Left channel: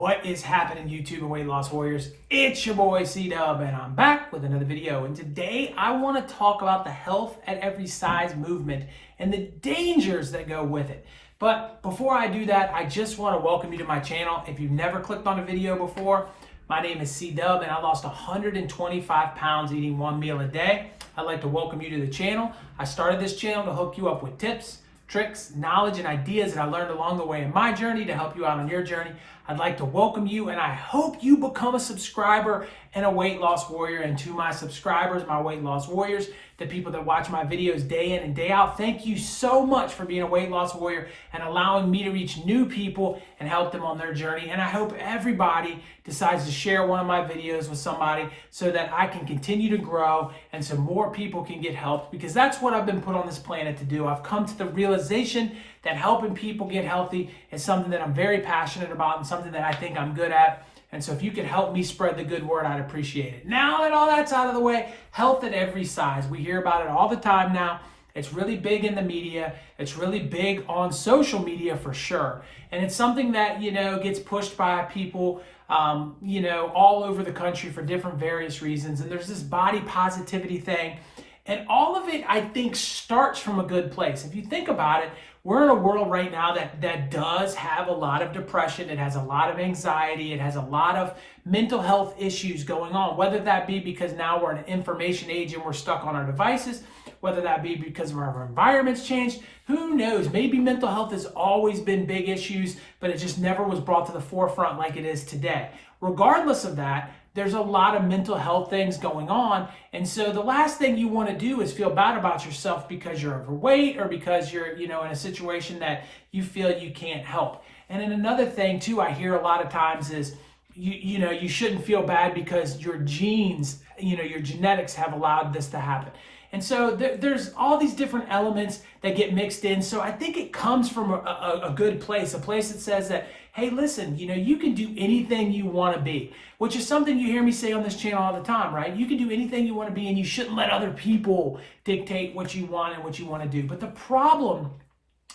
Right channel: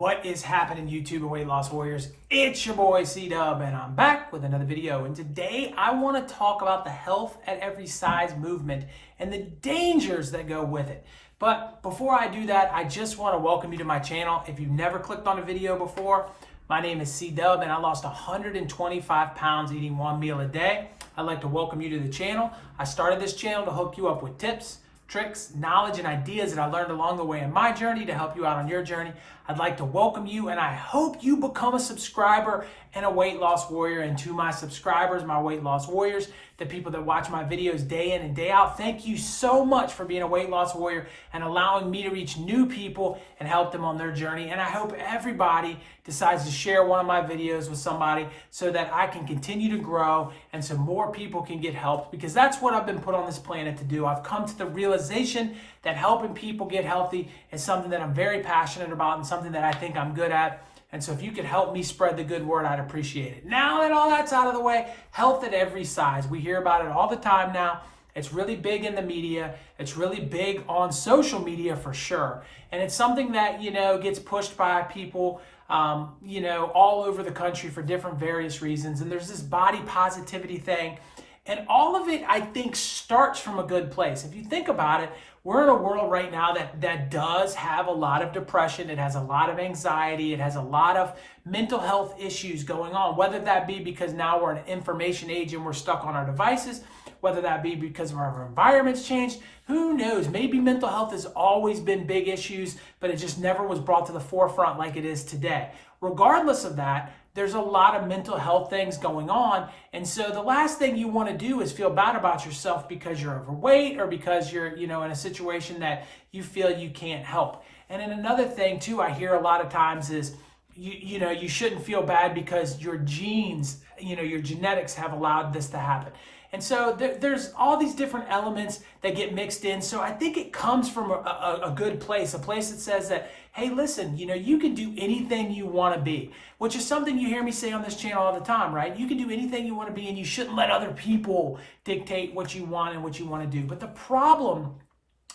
What is happening, YouTube and weight loss warriors? It's your boy C-Dub, and I'm back with another video. And today I want to talk about the health at every size movement and the dangers that go with it. But before I do that, I just want to welcome you to my channel. If you've never clicked on a video before, my name is C-Dub, and I lost 125 pounds eating one meal a day. I'd like to welcome you to the channel. I started this channel to hook you up with tips, tricks, knowledge, and ideas that I learned along the way in my journey to help you out on your journey. I'd like to welcome you, and I hope you become a subscriber and a weight loss warrior. And to my subscribers, my weight loss warriors, the people that watch my videos day in and day out, thank you so much for being a weight loss warrior and allowing me to reach new people and help them on their journey. And I hope everybody decides to share one of my videos with somebody so that I can continue to grow and so more people can get helped, because that's what I've been put on this planet to do. I've come to the realization that helping people get healthy is something that I'm very passionate about and something that I think I'm good at. And so if you could help me spread the good word, I'd appreciate it. Now that all that's out of the way, health at every size. We hear about it all the time now. It's really big in the media. It's really big on social media for sure. And it's something that, gets pushed by people, all over the country for different various reasons. And there's this body positivity thing. And all of it, I think, starts from a good place. If you think about it, we're in a world right now that does have a lot of depression. It has a lot of anxiety. It has a lot of mental health issues going on, whether that be because now we're in an information age and we're stuck on our devices, whether that be because our environment's changed. Who knows? Maybe mental health has always been big issues, but it just never was brought to the forefront like it is today. Regardless of that, there's a lot of mental health things going on. And so the last thing you want to do is feel bad about yourself because you're overweight or because you're, in a situation that you feel you can't help. And then another thing too, I hear a lot of times is, you shouldn't feel bad because your genes, your genetics have allowed this to happen. And so there's all these different elements that get mixed in. So I think it comes from a good place, a place that says that, hey, listen, you can do anything you want to be, which is something you hear me say on this channel all the time, right? You can do anything you want to be, and you shouldn't let other people dictate what you want and what you want to do. But the problem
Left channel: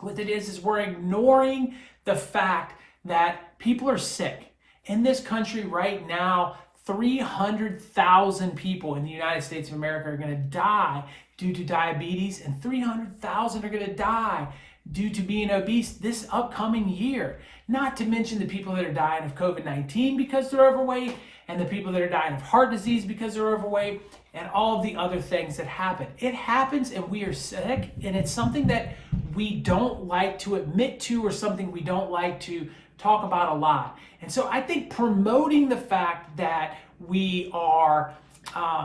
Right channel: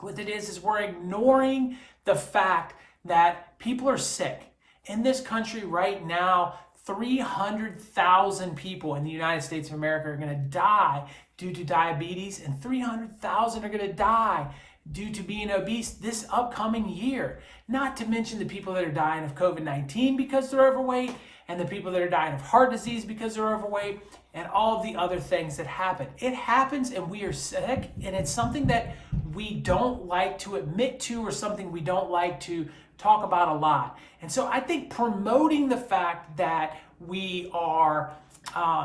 with it is we're ignoring the fact that people are sick. In this country right now, 300,000 people in the United States of America are going to die due to diabetes, and 300,000 are going to die due to being obese this upcoming year. Not to mention the people that are dying of COVID-19 because they're overweight, and the people that are dying of heart disease because they're overweight, and all of the other things that happen. It happens, and we are sick, and it's something that we don't like to admit to, or something we don't like to talk about a lot. And so I think promoting the fact that we are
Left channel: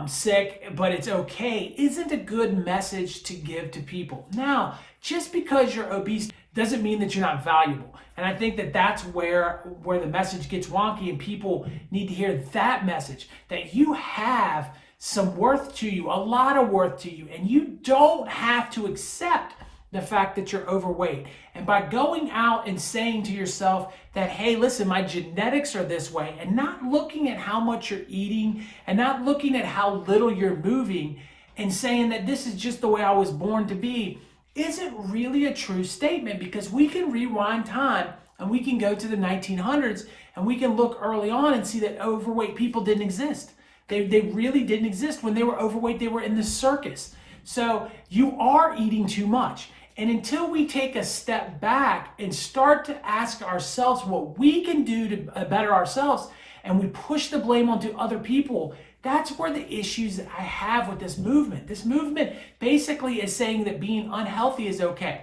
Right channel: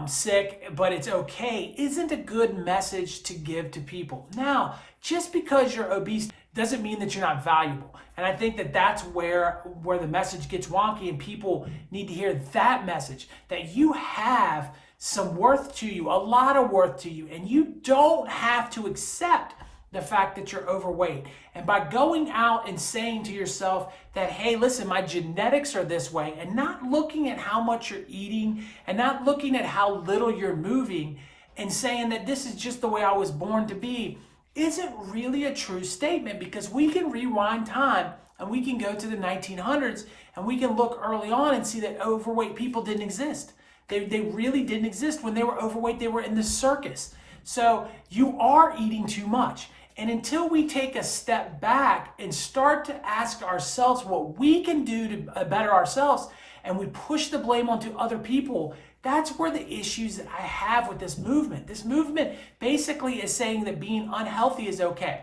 sick, but it's okay, isn't a good message to give to people. Now, just because you're obese doesn't mean that you're not valuable. And I think that that's where the message gets wonky, and people need to hear that message, that you have some worth to you, a lot of worth to you, and you don't have to accept the fact that you're overweight. And by going out and saying to yourself that, hey, listen, my genetics are this way, and not looking at how much you're eating and not looking at how little you're moving and saying that this is just the way I was born to be, isn't really a true statement, because we can rewind time and we can go to the 1900s and we can look early on and see that overweight people didn't exist. They really didn't exist. When they were overweight, they were in the circus. So you are eating too much. And until we take a step back and start to ask ourselves what we can do to better ourselves, and we push the blame onto other people, that's where the issues that I have with this movement. This movement basically is saying that being unhealthy is okay.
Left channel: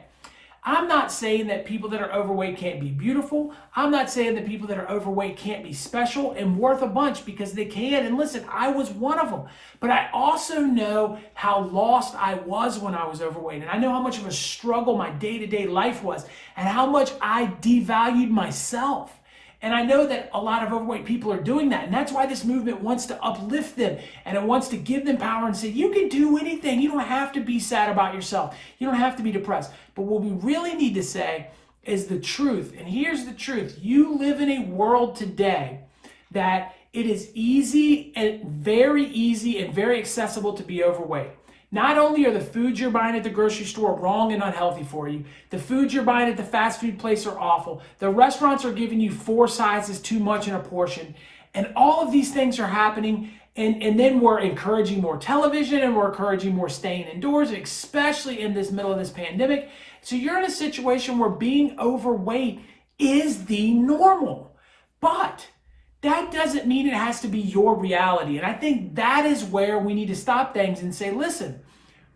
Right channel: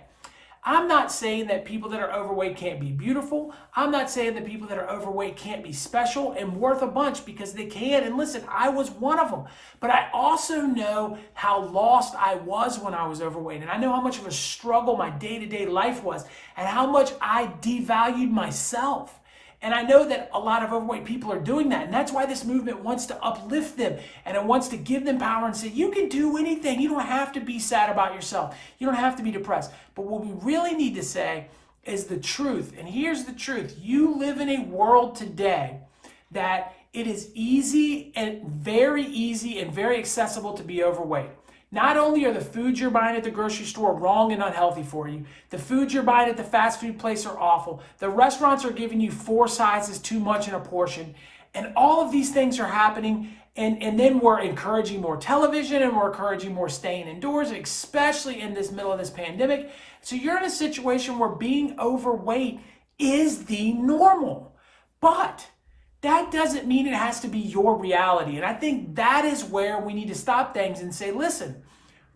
I'm not saying that people that are overweight can't be beautiful. I'm not saying that people that are overweight can't be special and worth a bunch, because they can. And listen, I was one of them. But I also know how lost I was when I was overweight. And I know how much of a struggle my day-to-day life was, and how much I devalued myself. And I know that a lot of overweight people are doing that. And that's why this movement wants to uplift them, and it wants to give them power and say, you can do anything. You don't have to be sad about yourself. You don't have to be depressed. But what we really need to say is the truth. And here's the truth. You live in a world today that it is easy and very accessible to be overweight. Not only are the foods you're buying at the grocery store wrong and unhealthy for you, the foods you're buying at the fast food place are awful. The restaurants are giving you 4 sizes too much in a portion. And all of these things are happening. And then we're encouraging more television and we're encouraging more staying indoors, especially in this middle of this pandemic. So you're in a situation where being overweight is the normal. But that doesn't mean it has to be your reality. And I think that is where we need to stop things and say, listen,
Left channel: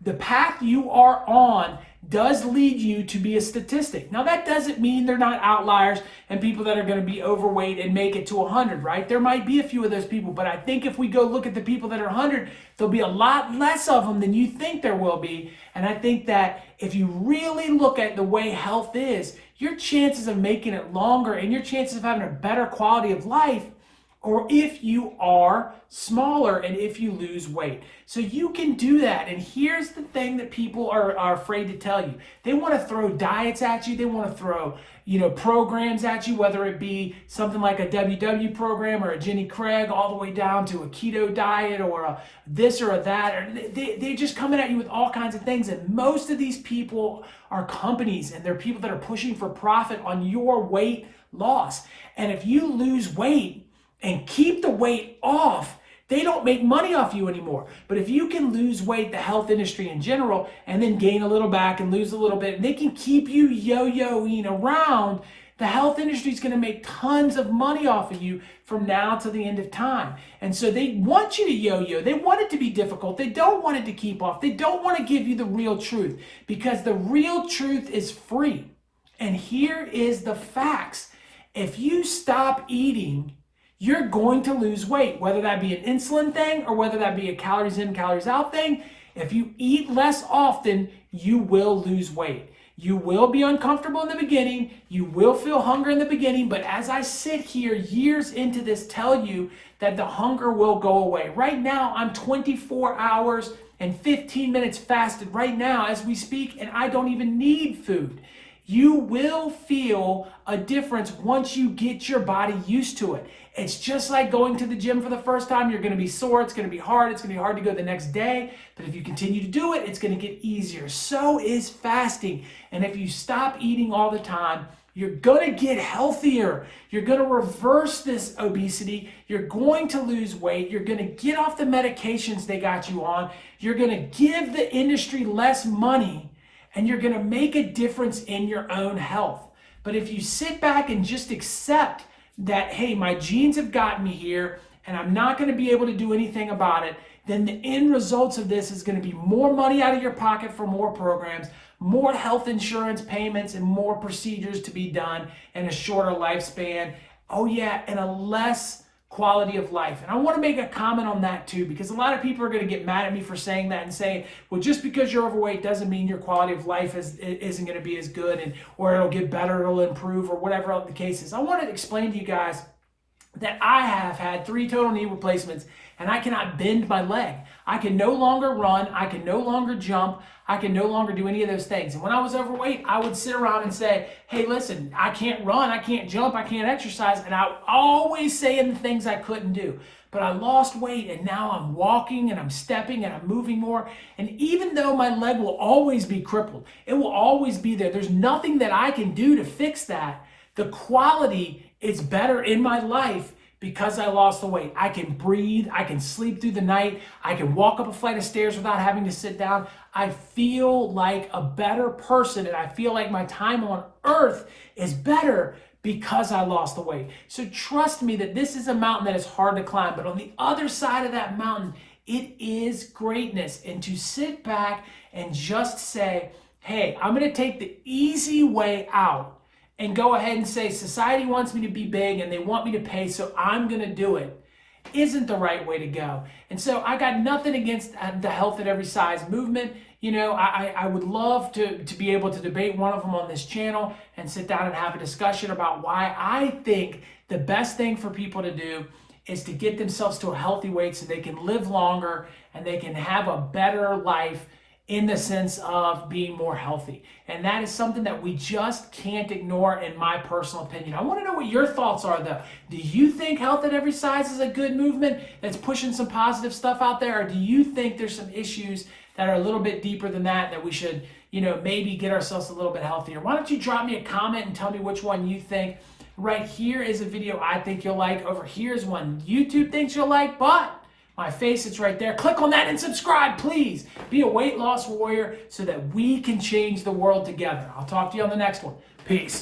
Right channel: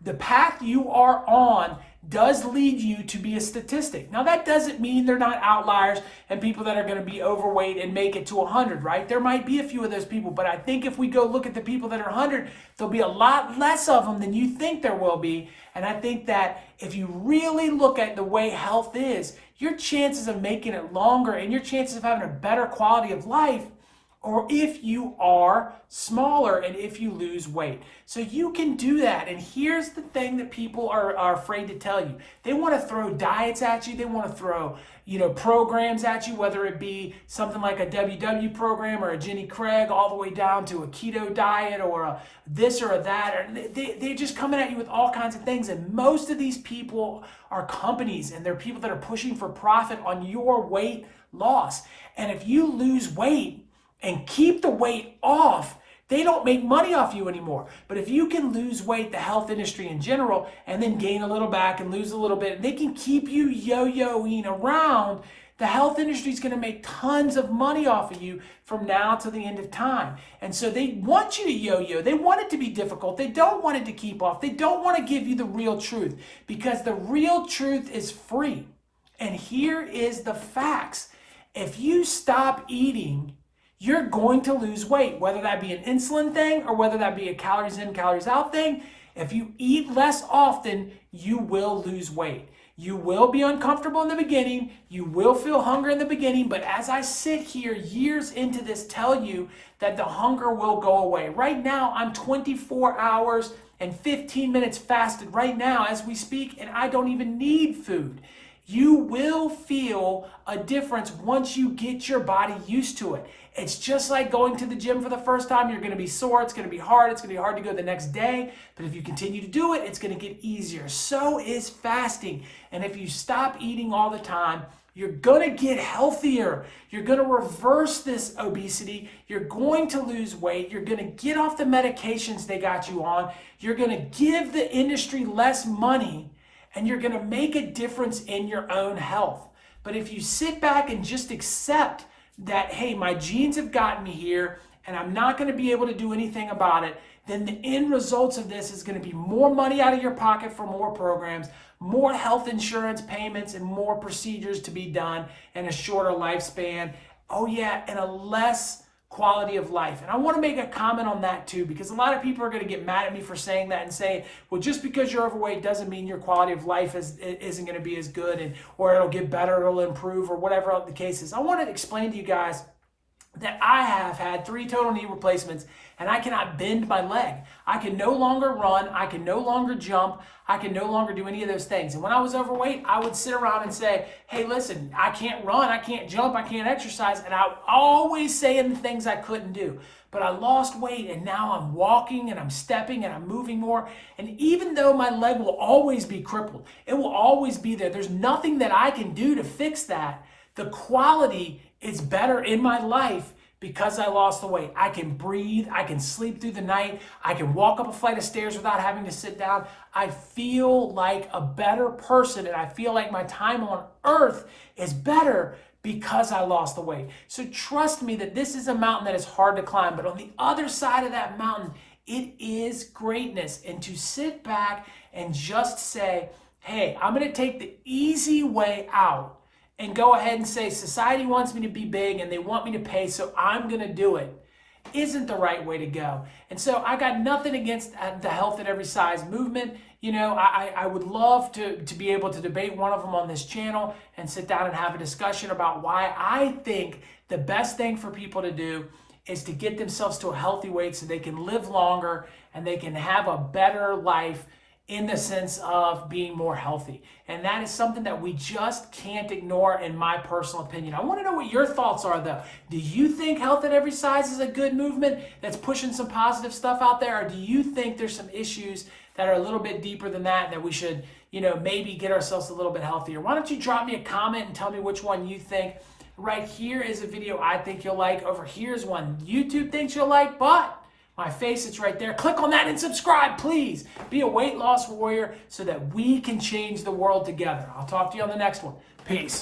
the path you are on does lead you to be a statistic. Now, that doesn't mean they're not outliers and people that are going to be overweight and make it to 100, right? There might be a few of those people, but I think if we go look at the people that are 100, there'll be a lot less of them than you think there will be. And I think that if you really look at the way health is, your chances of making it longer and your chances of having a better quality of life, or if you are smaller and if you lose weight. So you can do that. And here's the thing that people are afraid to tell you. They want to throw diets at you. They want to throw, programs at you, whether it be something like a WW program or a Jenny Craig, all the way down to a keto diet or a this or a that. Or they're just coming at you with all kinds of things. And most of these people are companies, and they're people that are pushing for profit on your weight loss. And if you lose weight and keep the weight off, they don't make money off you anymore. But if you can lose weight, the health industry in general, and then gain a little back and lose a little bit, and they can keep you yo-yoing around, the health industry is going to make tons of money off of you from now to the end of time. And so they want you to yo-yo. They want it to be difficult. They don't want it to keep off. They don't want to give you the real truth, because the real truth is free. And here is the facts. If you stop eating, you're going to lose weight, whether that be an insulin thing or whether that be a calories in, calories out thing. If you eat less often, you will lose weight. You will be uncomfortable in the beginning. You will feel hunger in the beginning. But as I sit here years into this, tell you that the hunger will go away. Right now, I'm 24 hours and 15 minutes fasted right now as we speak, and I don't even need food. You will feel a difference once you get your body used to it. It's just like going to the gym for the first time. You're going to be sore. It's going to be hard. It's going to be hard to go the next day. But if you continue to do it, it's going to get easier. So is fasting. And if you stop eating all the time, you're going to get healthier. You're going to reverse this obesity. You're going to lose weight. You're going to get off the medications they got you on. You're going to give the industry less money. And you're going to make a difference in your own health. But if you sit back and just accept that, hey, my genes have gotten me here and I'm not going to be able to do anything about it, then the end results of this is going to be more money out of your pocket for more programs, more health insurance payments, and more procedures to be done in a shorter lifespan. Oh yeah, and a less quality of life. And I want to make a comment on that too, because a lot of people are going to get mad at me for saying that and saying, well, just because you're overweight doesn't mean your quality of life isn't going to be as good, or it'll get better, it'll improve, or whatever else the case is. I want to explain to you guys that I have had 3 total knee replacements and I cannot bend my leg. I can no longer run. I can no longer jump. I can no longer do any of those things. And when I was overweight, I would sit around and say, hey, listen, I can't run, I can't jump, I can't exercise. And I would always say the things I couldn't do. But I lost weight and now I'm walking and I'm stepping and I'm moving more. And even though my leg will always be crippled, it will always be there. There's nothing that I can do to fix that. The quality is better in my life because I lost the weight. I can breathe, I can sleep through the night, I can walk up a flight of stairs without having to sit down. I feel like a better person, and I feel like my time on earth is better because I lost the weight. So trust me that this is a mountain that is hard to climb, but on the other side of that mountain, it is greatness. And to sit back and just say, hey, I'm gonna take the easy way out and go ahead and say, society wants me to be big and they want me to pay, so I'm gonna do it, isn't the right way to go. And so I got nothing against the health at every size movement. You know, I would love to be able to debate one of them on this channel and sit down and have a discussion about why I think the best thing for people to do is to get themselves to a healthy weight so they can live longer and they can have a better life in the sense of being more healthy. And that is something that we just can't ignore, in my personal opinion. I want to know what your thoughts are, though. Do you think health at every size is a good movement that's pushing some positive stuff out there? Or do you think there's some issues that are a little bit deeper than that we should, maybe get ourselves a little bit healthier. Why don't you drop me a comment and tell me which one you think. Right here is a video I think you'll like. Over here is one YouTube thinks you'll like, but my face, it's right there. Click on that and subscribe, please. Be a weight loss warrior so that we can change the world together. I'll talk to you on the next one. Peace.